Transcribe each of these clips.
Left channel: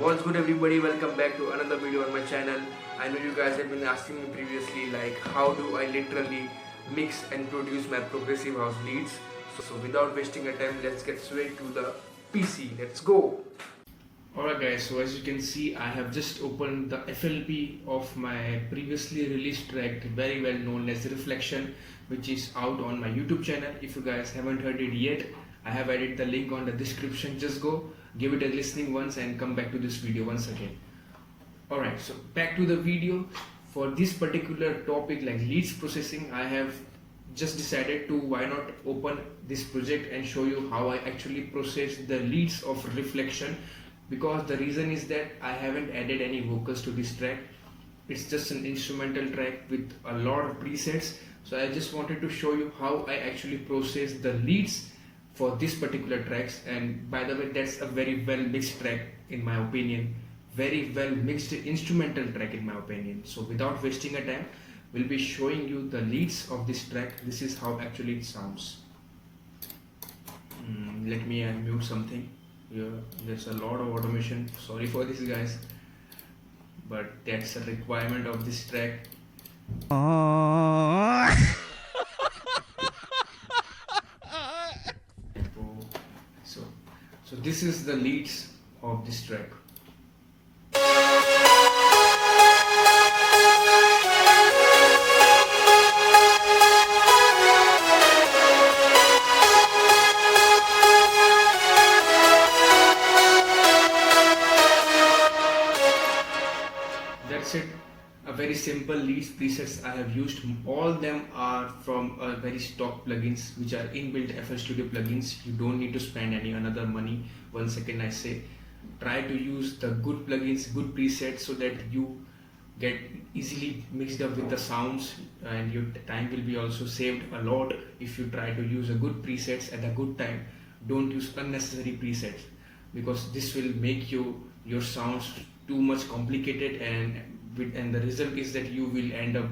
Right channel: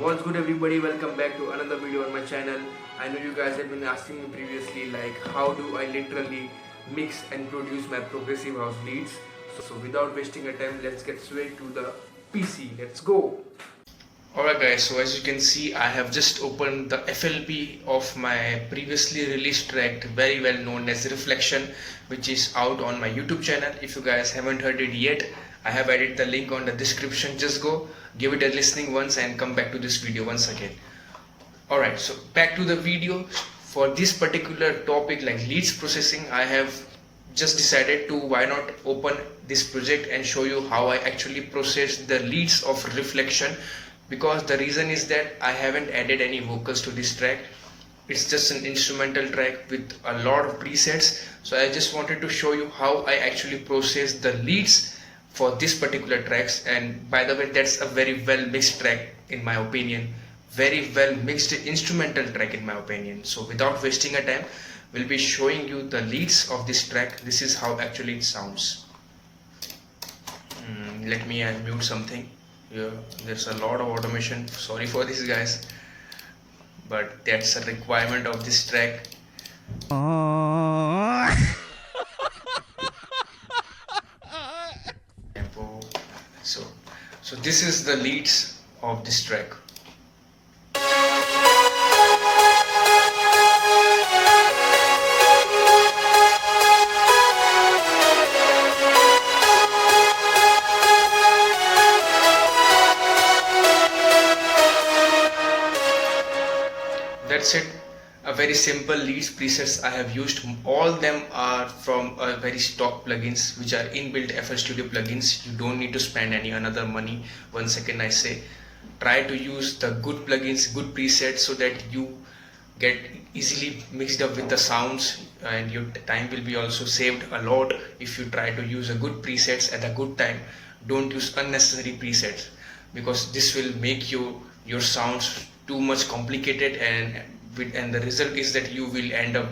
What's good everybody, welcome back to another video on my channel. I know you guys have been asking me previously like how do I literally mix and produce my progressive house leads. So without wasting a time, let's get straight to the PC. Let's go. Alright guys, so as you can see I have just opened the FLP of my previously released track, very well known as Reflection, which is out on my YouTube channel. If you guys haven't heard it yet, I have added the link on the description. Just go give it a listening once and come back to this video once again. Alright, so back to the video. For this particular topic like leads processing, I have just decided to why not open this project and show you how I actually process the leads of Reflection, because the reason is that I haven't added any vocals to this track. It's just an instrumental track with a lot of presets, so I just wanted to show you how I actually process the leads for this particular tracks. And by the way, that's a very well mixed track in my opinion, very well mixed instrumental track in my opinion. So without wasting a time, we'll be showing you the leads of this track. This is how actually it sounds. Let me mute something. Yeah, there's a lot of automation, sorry for this guys, but that's a requirement of this track. So this is the leads of this track. That's it, a very simple leads presets I have used. All them are from a very stock plugins which are inbuilt FL Studio plugins. You don't need to spend any another money. Once again I say, try to use the good plugins, good presets, so that you get easily mixed up with the sounds and your time will be also saved a lot if you try to use a good presets at a good time. Don't use unnecessary presets, because this will make your sounds too much complicated, and the result is that you will end up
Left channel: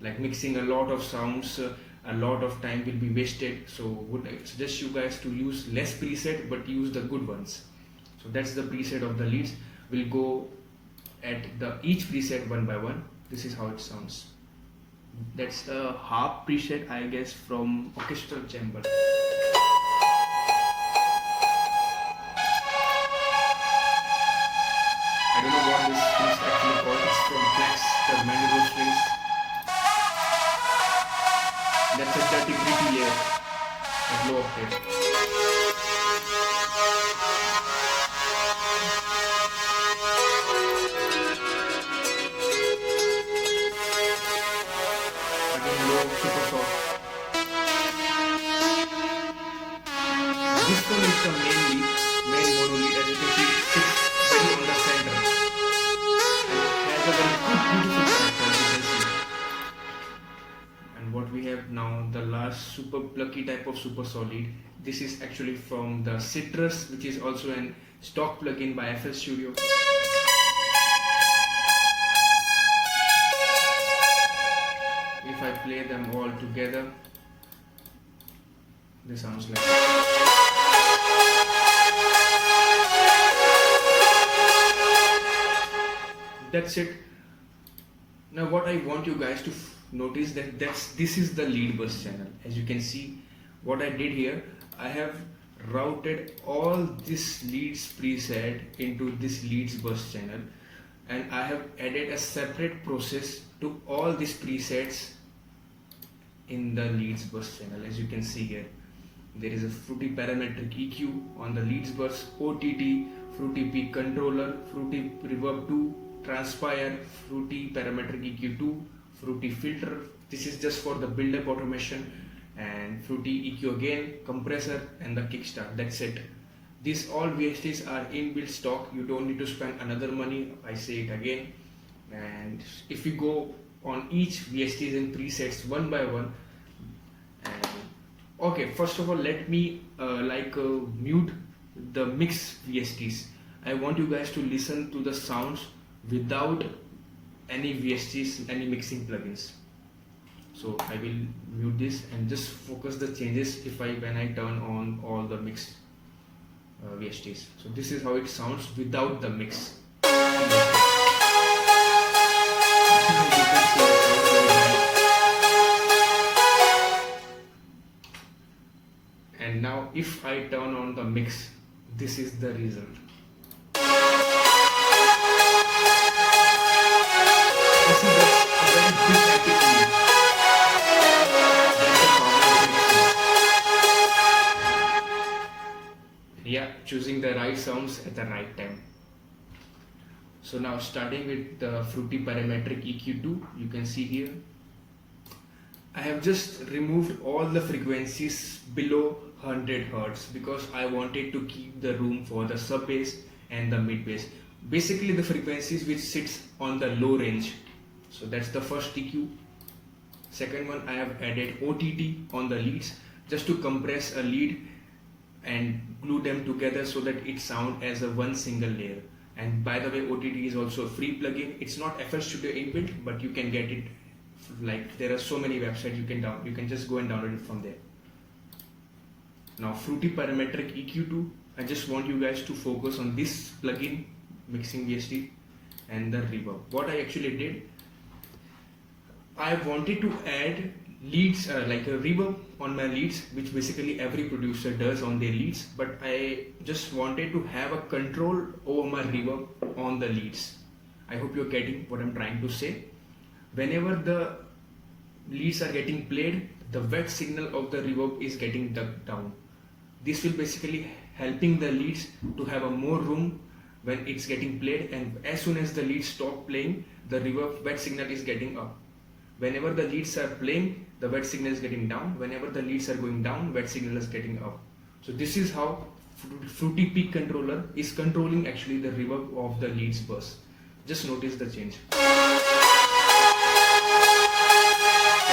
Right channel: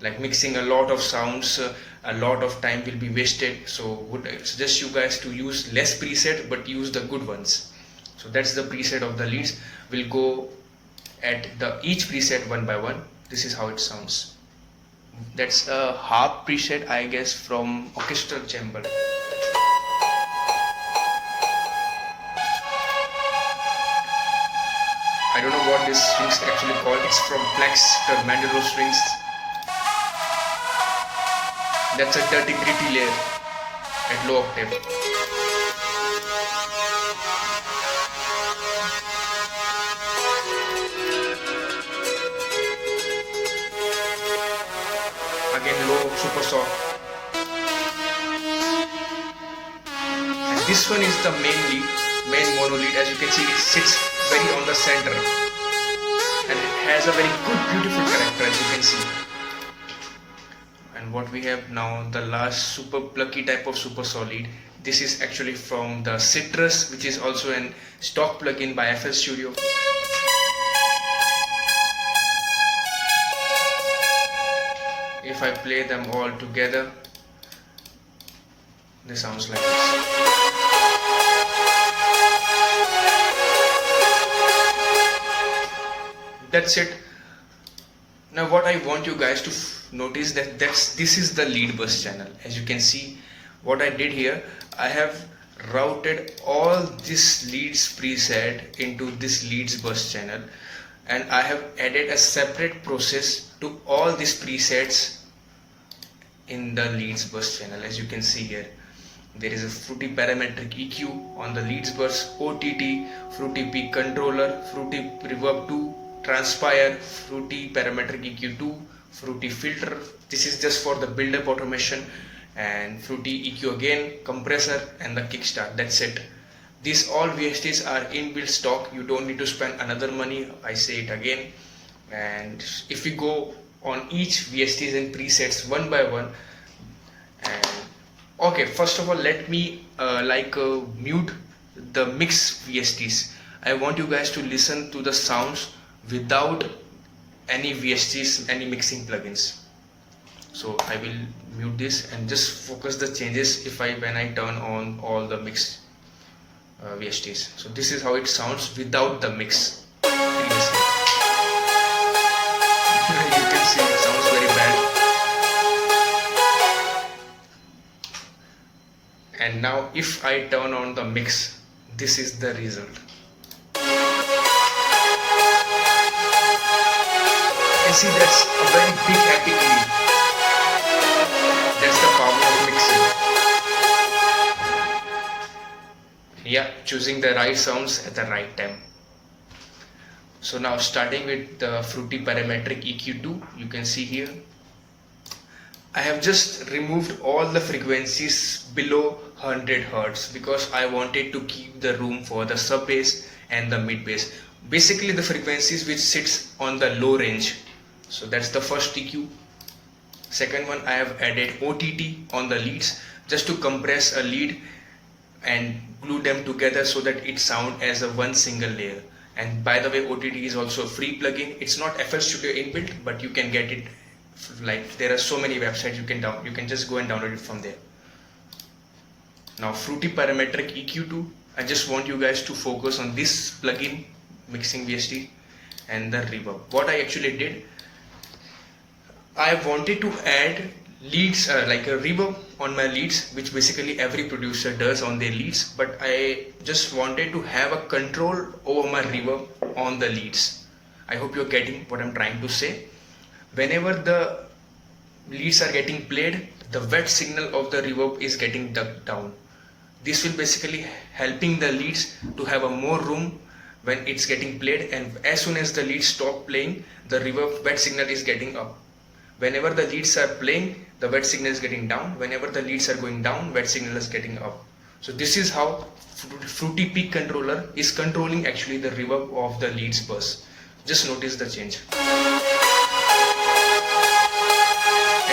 like mixing a lot of sounds. A lot of time will be wasted. So would I suggest you guys to use less preset but use the good ones. So that's the preset of the leads. We'll go at each preset one by one. This is how it sounds. That's a harp preset, I guess, from orchestral chamber. I don't know what this strings actually called. It's from Plex Mandolin strings. That's a dirty gritty layer at low octave. Again low, super soft. And this one is the main mono lead. As you can see, it sits very on the center, and it has a very good beautiful character, as you can see. And what we have now, the last super plucky type of super solid. This is actually from the Sytrus, which is also an stock plugin by FL Studio. If I play them all together, this sounds like this. That's it. Now what I want you guys to notice that this is the lead bus channel. As you can see, what I did here, I have routed all this leads preset into this leads bus channel, and I have added a separate process to all these presets in the leads bus channel. As you can see here, there is a Fruity Parametric EQ on the leads bus, OTT, Fruity Peak Controller, Fruity Reverb 2, Transpire, Fruity Parametric EQ 2, Fruity Filter. This is just for the build-up automation, and Fruity EQ again, compressor, and the kickstart. That's it. These all VSTs are inbuilt stock. You don't need to spend another money. I say it again. And if we go on each VSTs and presets one by one, and okay, first of all, let me mute the mix VSTs. I want you guys to listen to the sounds without any VSTs, any mixing plugins. So I will mute this and just focus the changes when I turn on all the mixed VSTs. So this is how it sounds without the mix. previously. You can see it sounds very bad. And now if I turn on the mix, this is the result. You see, that's a very big epic lead. That's the power of mixing. Yeah, choosing the right sounds at the right time. So now starting with the fruity parametric EQ2, you can see here I have just removed all the frequencies below 100 Hz because I wanted to keep the room for the sub bass and the mid bass, basically the frequencies which sits on the low range. So that's the first EQ. Second one, I have added OTT on the leads just to compress a lead and glue them together so that it sound as a one single layer. And by the way, OTT is also a free plugin. It's not FL Studio inbuilt, but you can get it, like there are so many websites you can just go and download it from there. Now fruity parametric EQ2, I just want you guys to focus on this plugin, mixing VST and the reverb. What I actually did, I wanted to add leads, like a reverb on my leads, which basically every producer does on their leads, but I just wanted to have a control over my reverb on the leads. I hope you're getting what I'm trying to say. Whenever the leads are getting played, the wet signal of the reverb is getting ducked down. This will basically helping the leads to have a more room when it's getting played, and as soon as the leads stop playing, the reverb wet signal is getting up. Whenever the leads are playing, the wet signal is getting down. Whenever the leads are going down, wet signal is getting up. So this is how Fruity Peak controller is controlling actually the reverb of the leads bus. Just notice the change. And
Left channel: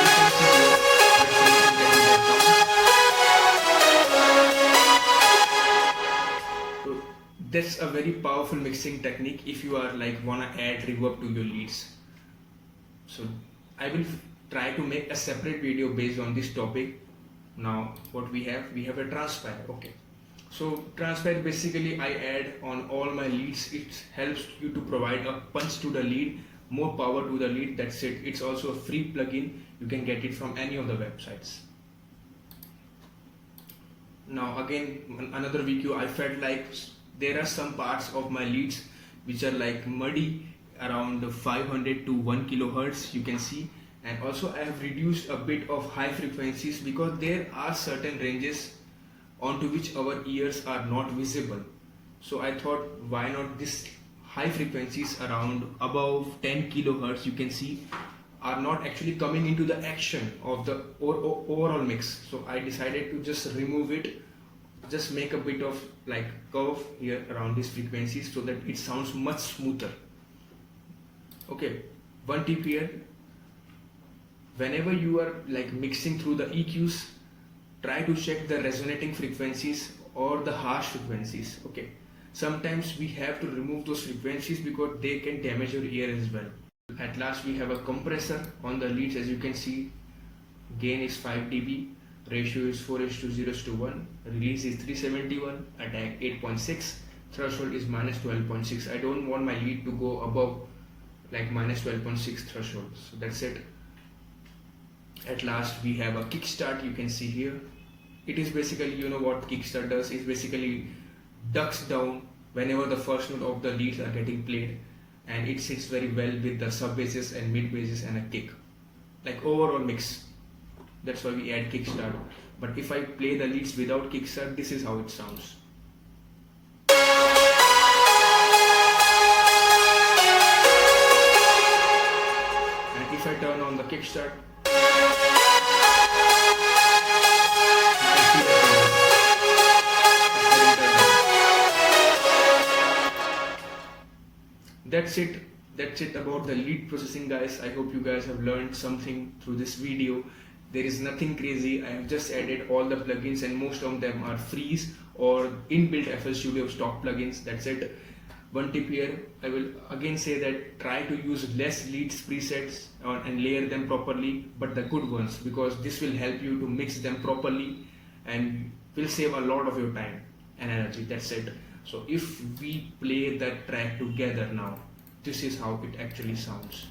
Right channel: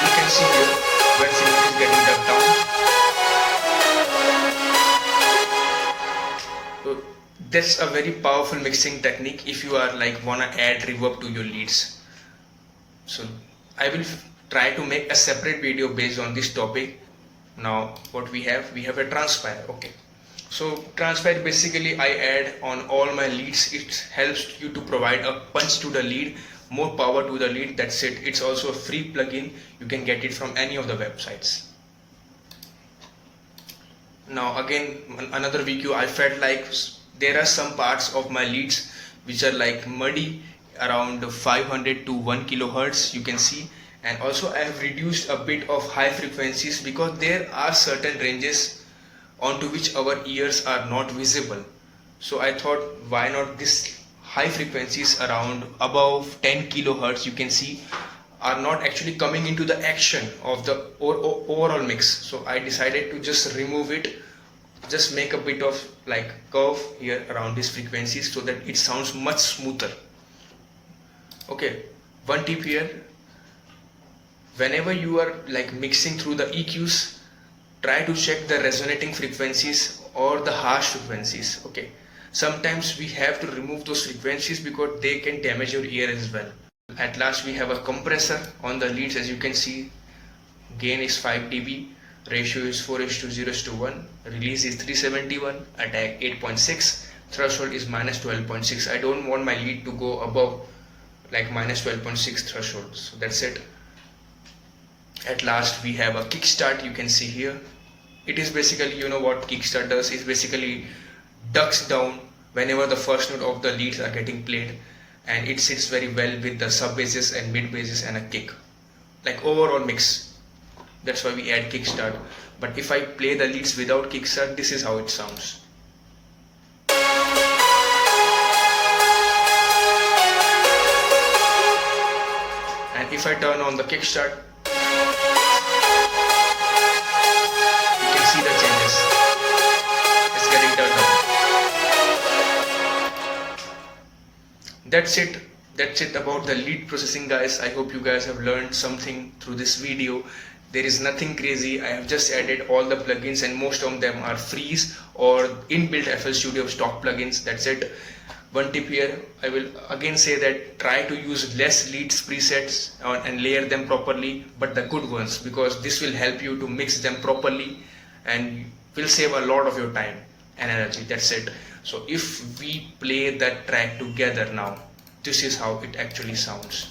you can see here, wet signal is getting ducked down. So that's a very powerful mixing technique if you are like wanna add reverb to your leads. So I will try to make a separate video based on this topic. Now what we have a transpire. Okay, so transpire basically I add on all my leads. It helps you to provide a punch to the lead, more power to the lead. That's it. It's also a free plugin. You can get it from any of the websites. Now again, another VQ, I felt like there are some parts of my leads which are like muddy, around 500 to 1 kilohertz, you can see. And also I have reduced a bit of high frequencies because there are certain ranges onto which our ears are not visible. So I thought, why not this high frequencies around above 10 kilohertz, you can see, are not actually coming into the action of the overall mix. So I decided to just remove it, just make a bit of like curve here around these frequencies so that it sounds much smoother. Okay, one tip here, whenever you are like mixing through the EQs, try to check the resonating frequencies or the harsh frequencies. Okay, sometimes we have to remove those frequencies because they can damage your ear as well. At last we have a compressor on the leads. As you can see, gain is 5 dB, ratio is 4:0:1, release is 371, attack 8.6, threshold is -12.6. I don't want my lead to go above like -12.6 threshold. So that's it. At last we have a kickstart. You can see here, it is basically, you know what kickstart does, is basically ducks down whenever the first note of the leads are getting played, and it sits very well with the sub basses and mid basses and a kick, like overall mix. That's why we add kickstart. But if I play the leads without kickstart, this is how it sounds. And if I turn on the kickstart, you can see the changes. It's getting turned on. That's it. That's it about the lead processing, guys. I hope you guys have learned something through this video. There is nothing crazy. I have just added all the plugins, and most of them are frees or inbuilt FL Studio stock plugins. That's it. One tip here, I will again say that try to use less leads presets and layer them properly, but the good ones, because this will help you to mix them properly and will save a lot of your time and energy. That's it. So if we play that track together now, this is how it actually sounds.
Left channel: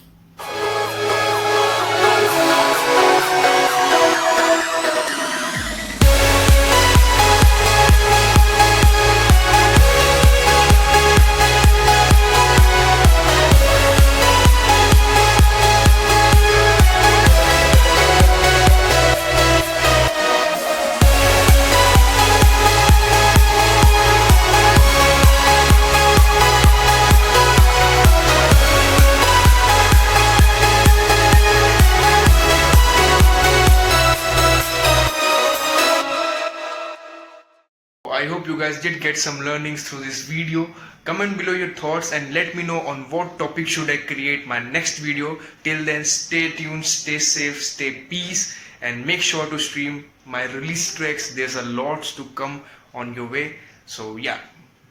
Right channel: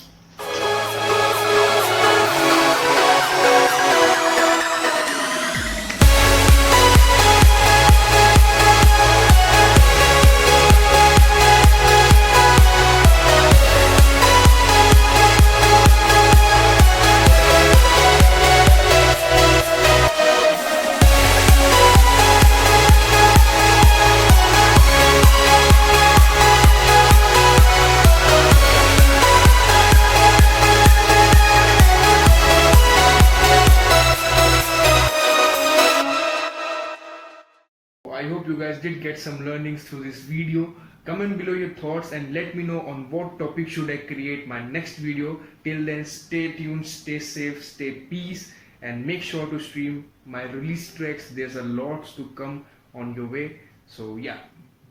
I hope you guys did get some learnings through this video. Comment below your thoughts and let me know on what topic should I create my next video. Till then, stay tuned, stay safe, stay peace, and make sure to stream my release tracks. There's a lot to come on your way. So yeah,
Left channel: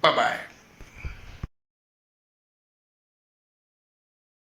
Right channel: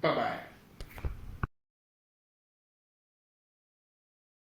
bye bye.